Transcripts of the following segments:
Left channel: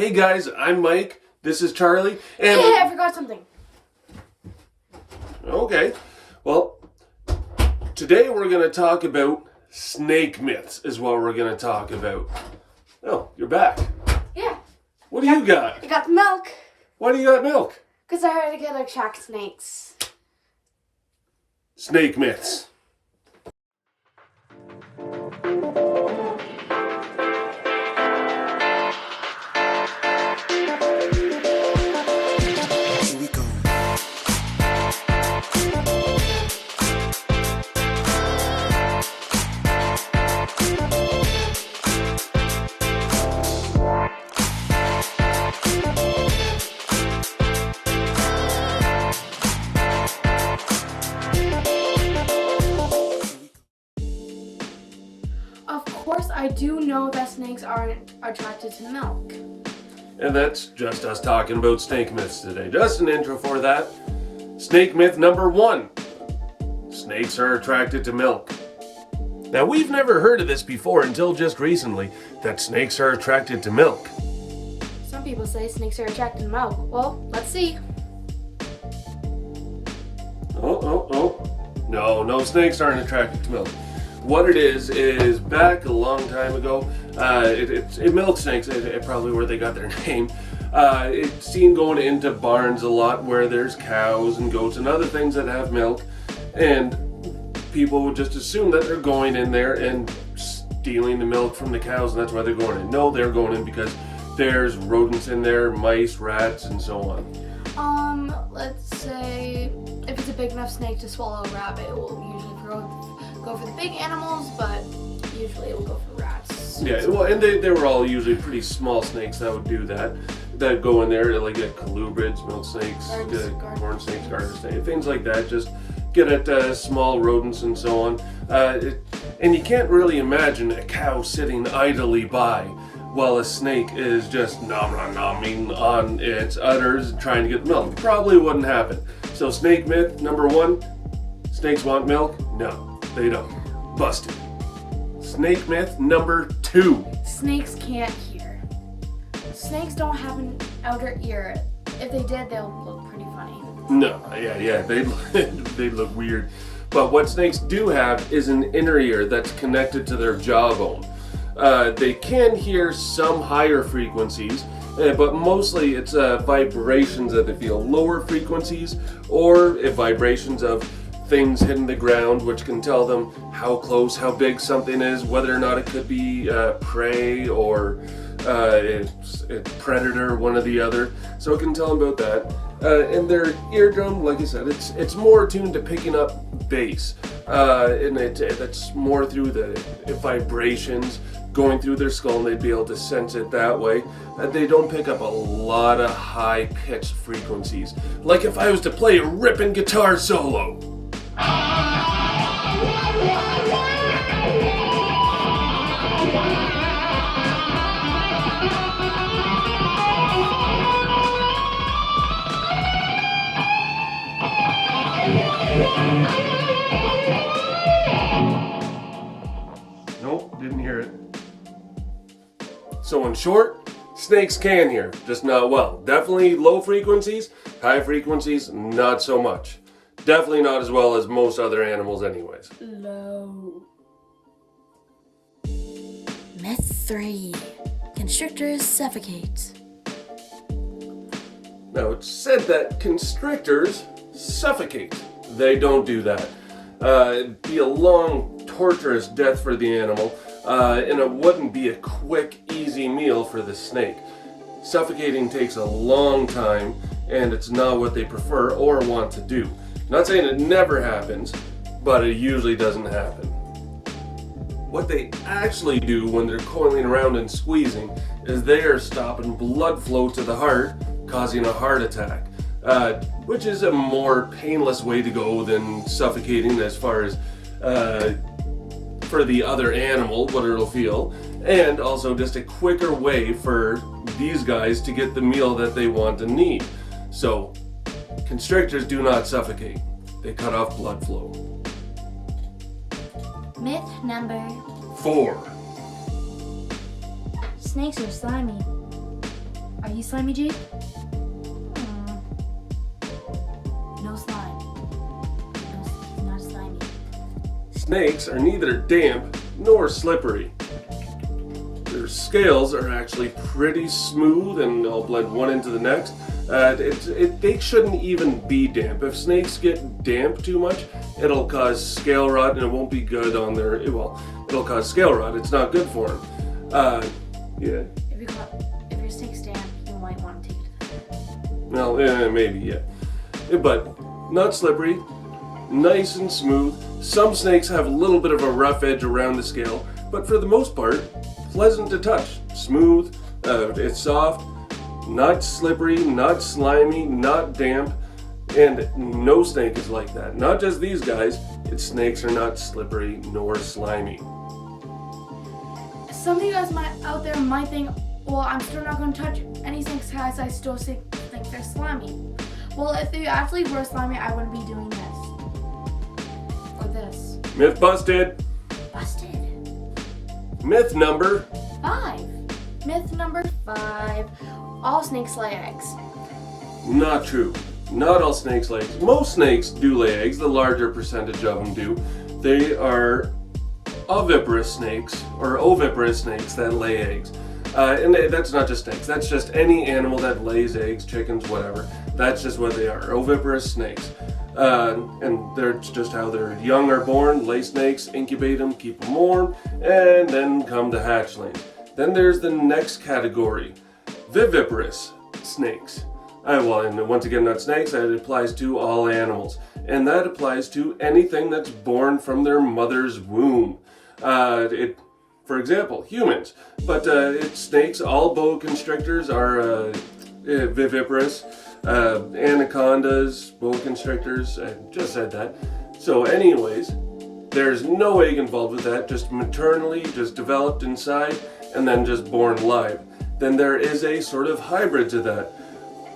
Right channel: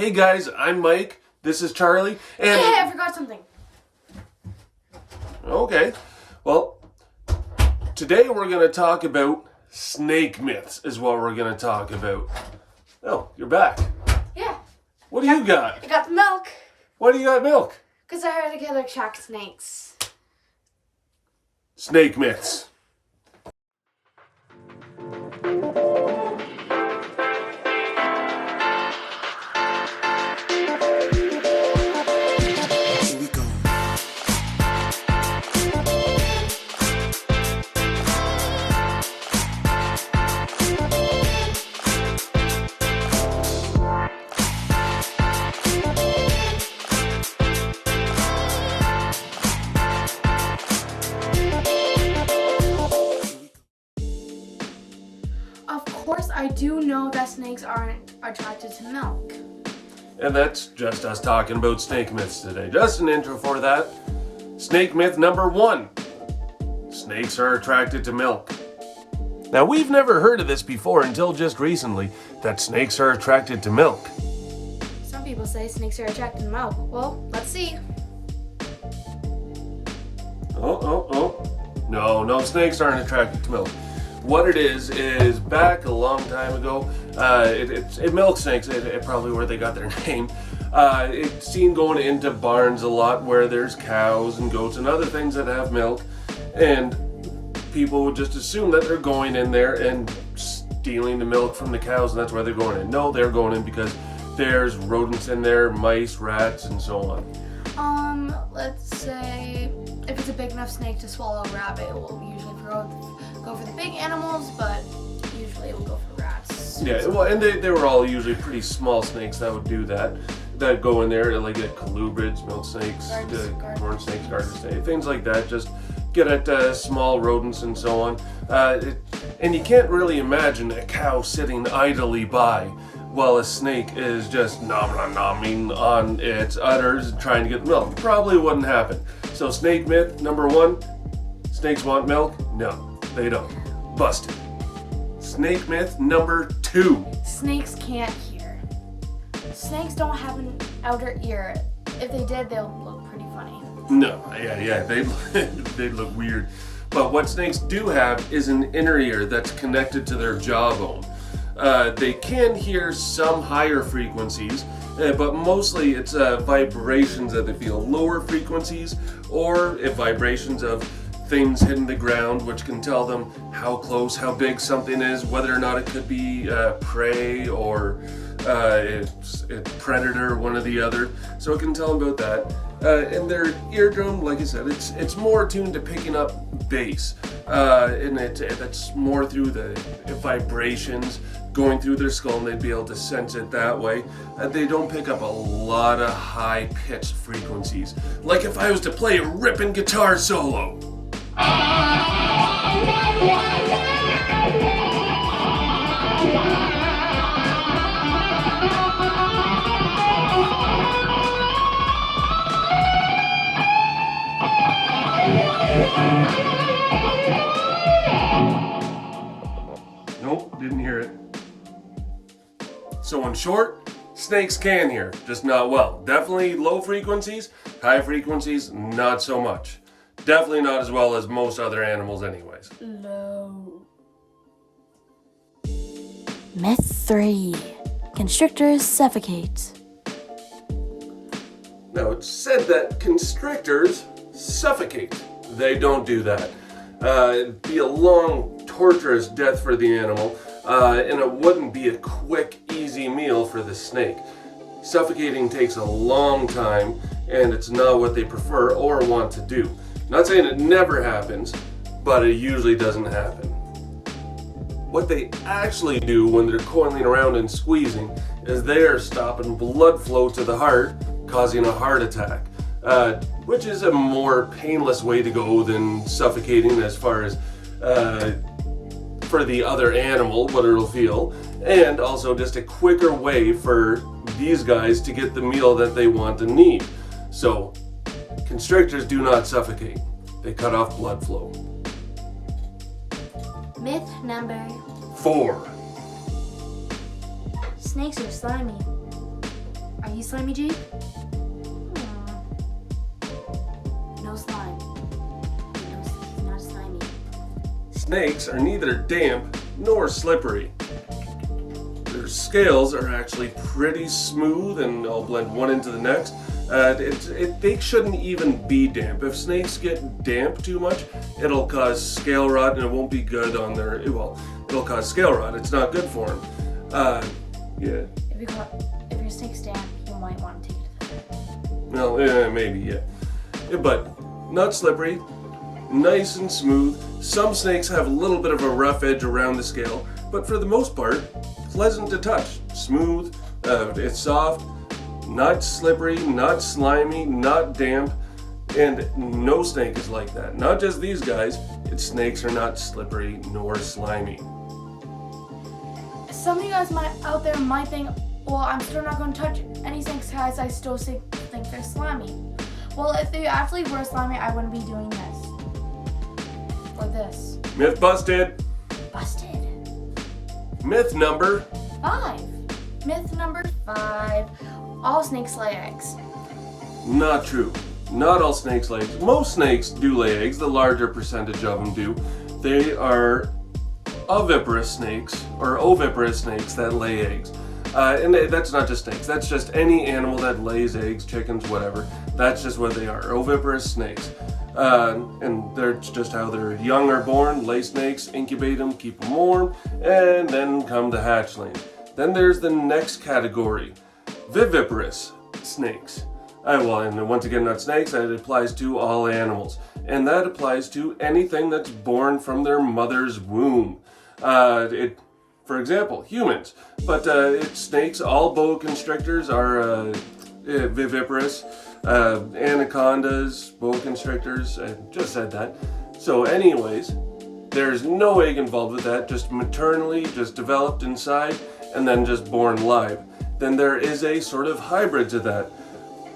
Hey guys, I'm Mike. This is Charlie. And Hey, I forgot something. okay, well, today we're going to talk about snake myths is what we're going to talk about. Oh, you're back. Yeah, What do you got? I got the milk. Why do you got milk? Because I heard they could attract snakes. Snake myths. Here we go. Of course, I do know that snakes aren't attracted to milk. And that's just us talking about snake myths today. Just an intro for that. Snake myth number 1. Snakes are attracted to milk. Now, we've never heard of this before until just recently, that snakes are attracted to milk. Some people say snakes are attracted to milk. Well, let's see. No, snakes aren't attracted to milk. What it is back a long time ago, it milk snakes, it probably where they got their name. It's seen going into barns a lot where there's cows and goats and other things that have milk, and people would just assume that they're going in there and stealing the milk from the cows, and that's why they're going in. No, they're going in because there's rodents in there, mice, rats, and so on. Let's say if it's a big enough snake to swallow a rabbit, it will usually go for the big animals, but usually it will go for rats. Yeah, well, and they were all usually pretty small snakes that would do that. That go in there, like colubrids, milk snakes, corn snakes, garter snakes, things like that. Just get at small rodents and so on. And you can't really imagine a cow sitting idly by while a snake is just nomming on its udders trying to get milk. Probably wouldn't happen. So snake myth number 1, snakes want milk? No, they don't. Busted. Snake myth number 2. Snakes can't hear. Snakes don't have an outer ear. If they did, they'll look pretty funny. No, yeah, they'd look weird. But what snakes do have is an inner ear that's connected to their jawbone. They can hear some higher frequencies, but mostly it's vibrations that they feel, lower frequencies, or vibrations of things hitting the ground, which can tell them how close, how big something is, whether or not it could be prey or it's predator, one or the other. So it can tell them about that. And their eardrum, like I said, it's more tuned to picking up bass, and it's more through the vibrations going through their skull, and they'd be able to sense it that way. They don't pick up a lot of high-pitched frequencies, like if I was to play a ripping guitar solo. Nope, didn't hear it. So in short, snakes can hear, just not well. Definitely low frequencies, high frequencies, not so much. Definitely not as well as most other animals anyways. Low. Myth 3. Constrictors suffocate. Now it's said that constrictors suffocate. They don't do that. It'd be a long, torturous death for the animal, and it wouldn't be a quick, easy meal for the snake. Suffocating takes a long time, and it's not what they prefer or want to do. Not saying it never happens, but it usually doesn't happen. What they actually do when they're coiling around and squeezing is they are stopping blood flow to the heart, causing a heart attack, which is a more painless way to go than suffocating as far as for the other animal, what it'll feel, and also just a quicker way for these guys to get the meal that they want and need. So, constrictors do not suffocate. They cut off blood flow. Myth number 4. Snakes are slimy. he slimy, Jake? No slime. No, he's not slimy. Snakes are neither damp nor slippery. Their scales are actually pretty smooth and they'll blend one into the next. They shouldn't even be damp. If snakes get damp too much, it'll cause scale rot and it won't be good on their, well, it'll cause scale rot. It's not good for them. Yeah. If your snake's damp, you might want to take it to the vet. Well, maybe, yeah. But not slippery, nice and smooth. Some snakes have a little bit of a rough edge around the scale, but for the most part, pleasant to touch. Smooth, it's soft, not slippery, not slimy, not damp, and no snake is like that. Not just these guys, snakes are not slippery nor slimy. Some of you guys out there might think, well, I'm still not going to touch any snakes because I still think they're slimy. Well, if they actually were slimy, I wouldn't be doing this. Or this. Myth busted. Busted. Myth number 5. Myth number 5. All snakes lay eggs. not true. Not all snakes lay eggs. Most snakes do lay eggs. The larger percentage of them do. They are oviparous snakes or oviparous snakes that lay eggs. And that's not just snakes. That's just any animal that lays eggs, chickens, whatever. That's just what they are. Oviparous snakes. And that's just how their young are born. Lay snakes, incubate them, keep them warm, and then come the hatchling. Then there's the next category, viviparous snakes. Well, and once again, not snakes. That applies to all animals, and that applies to anything that's born from their mother's womb. For example, humans. But snakes, all boa constrictors are viviparous. Anacondas, boa constrictors, I just said that. So anyways, there's no egg involved with that, just maternally, just developed inside, and then just born live. Then there is a sort of hybrid to that,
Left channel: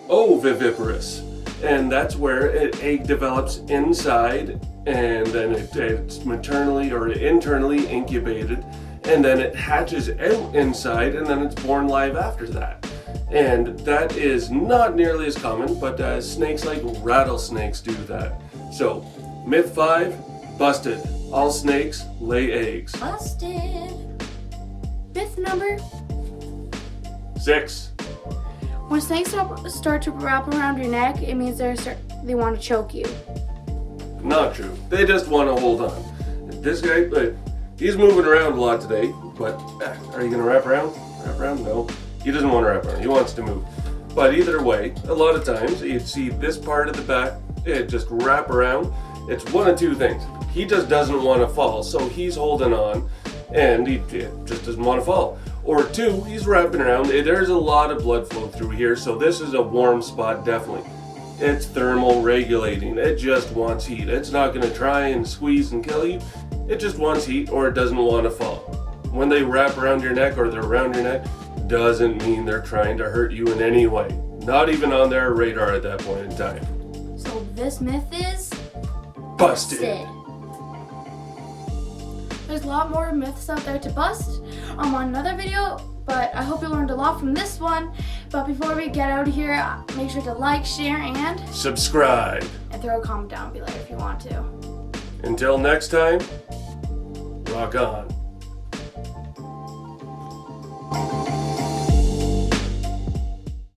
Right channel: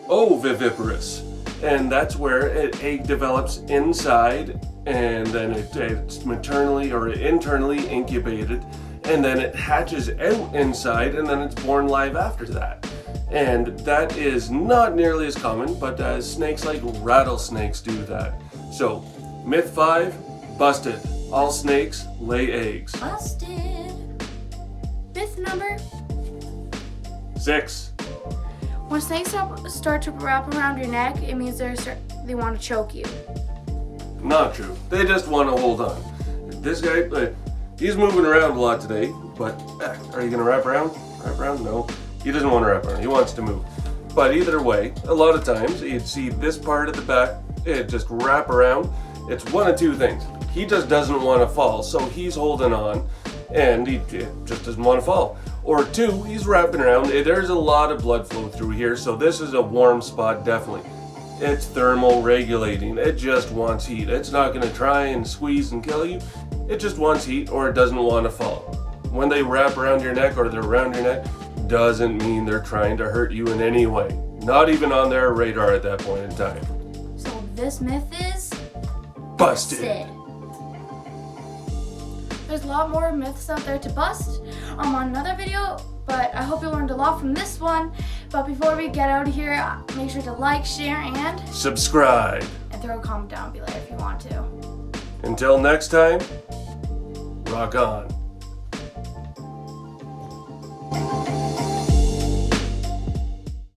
oviviparous. And that's where an egg develops inside, and then it's maternally or internally incubated, and then it hatches out inside, and then it's born live after that. And that is not nearly as common, but snakes like rattlesnakes do that. So, myth 5, busted. All snakes lay eggs. Busted. Myth number 6. When snakes start to wrap around your neck, it means they want to choke you. Not true. They just want to hold on. This guy, he's moving around a lot today, but are you going to wrap around? Wrap around? No. He doesn't want to wrap around. He wants to move. But either way, a lot of times you'd see this part of the back, it just wrap around. It's one of two things. He just doesn't want to fall, so he's holding on, and he just doesn't want to fall. Or 2, he's wrapping around. There's a lot of blood flow through here, so this is a warm spot, definitely. It's thermal regulating. It just wants heat. It's not going to try and squeeze and kill you. It just wants heat, or it doesn't want to fall. When they wrap around your neck or they're around your neck, doesn't mean they're trying to hurt you in any way. Not even on their radar at that point in time. So this myth is Busted. There's a lot more myths out there to bust on another video, but I hope you learned a lot from this one. But before we get out of here, make sure to like, share, and Subscribe. throw a comment down below if you want to. Until next time, rock on.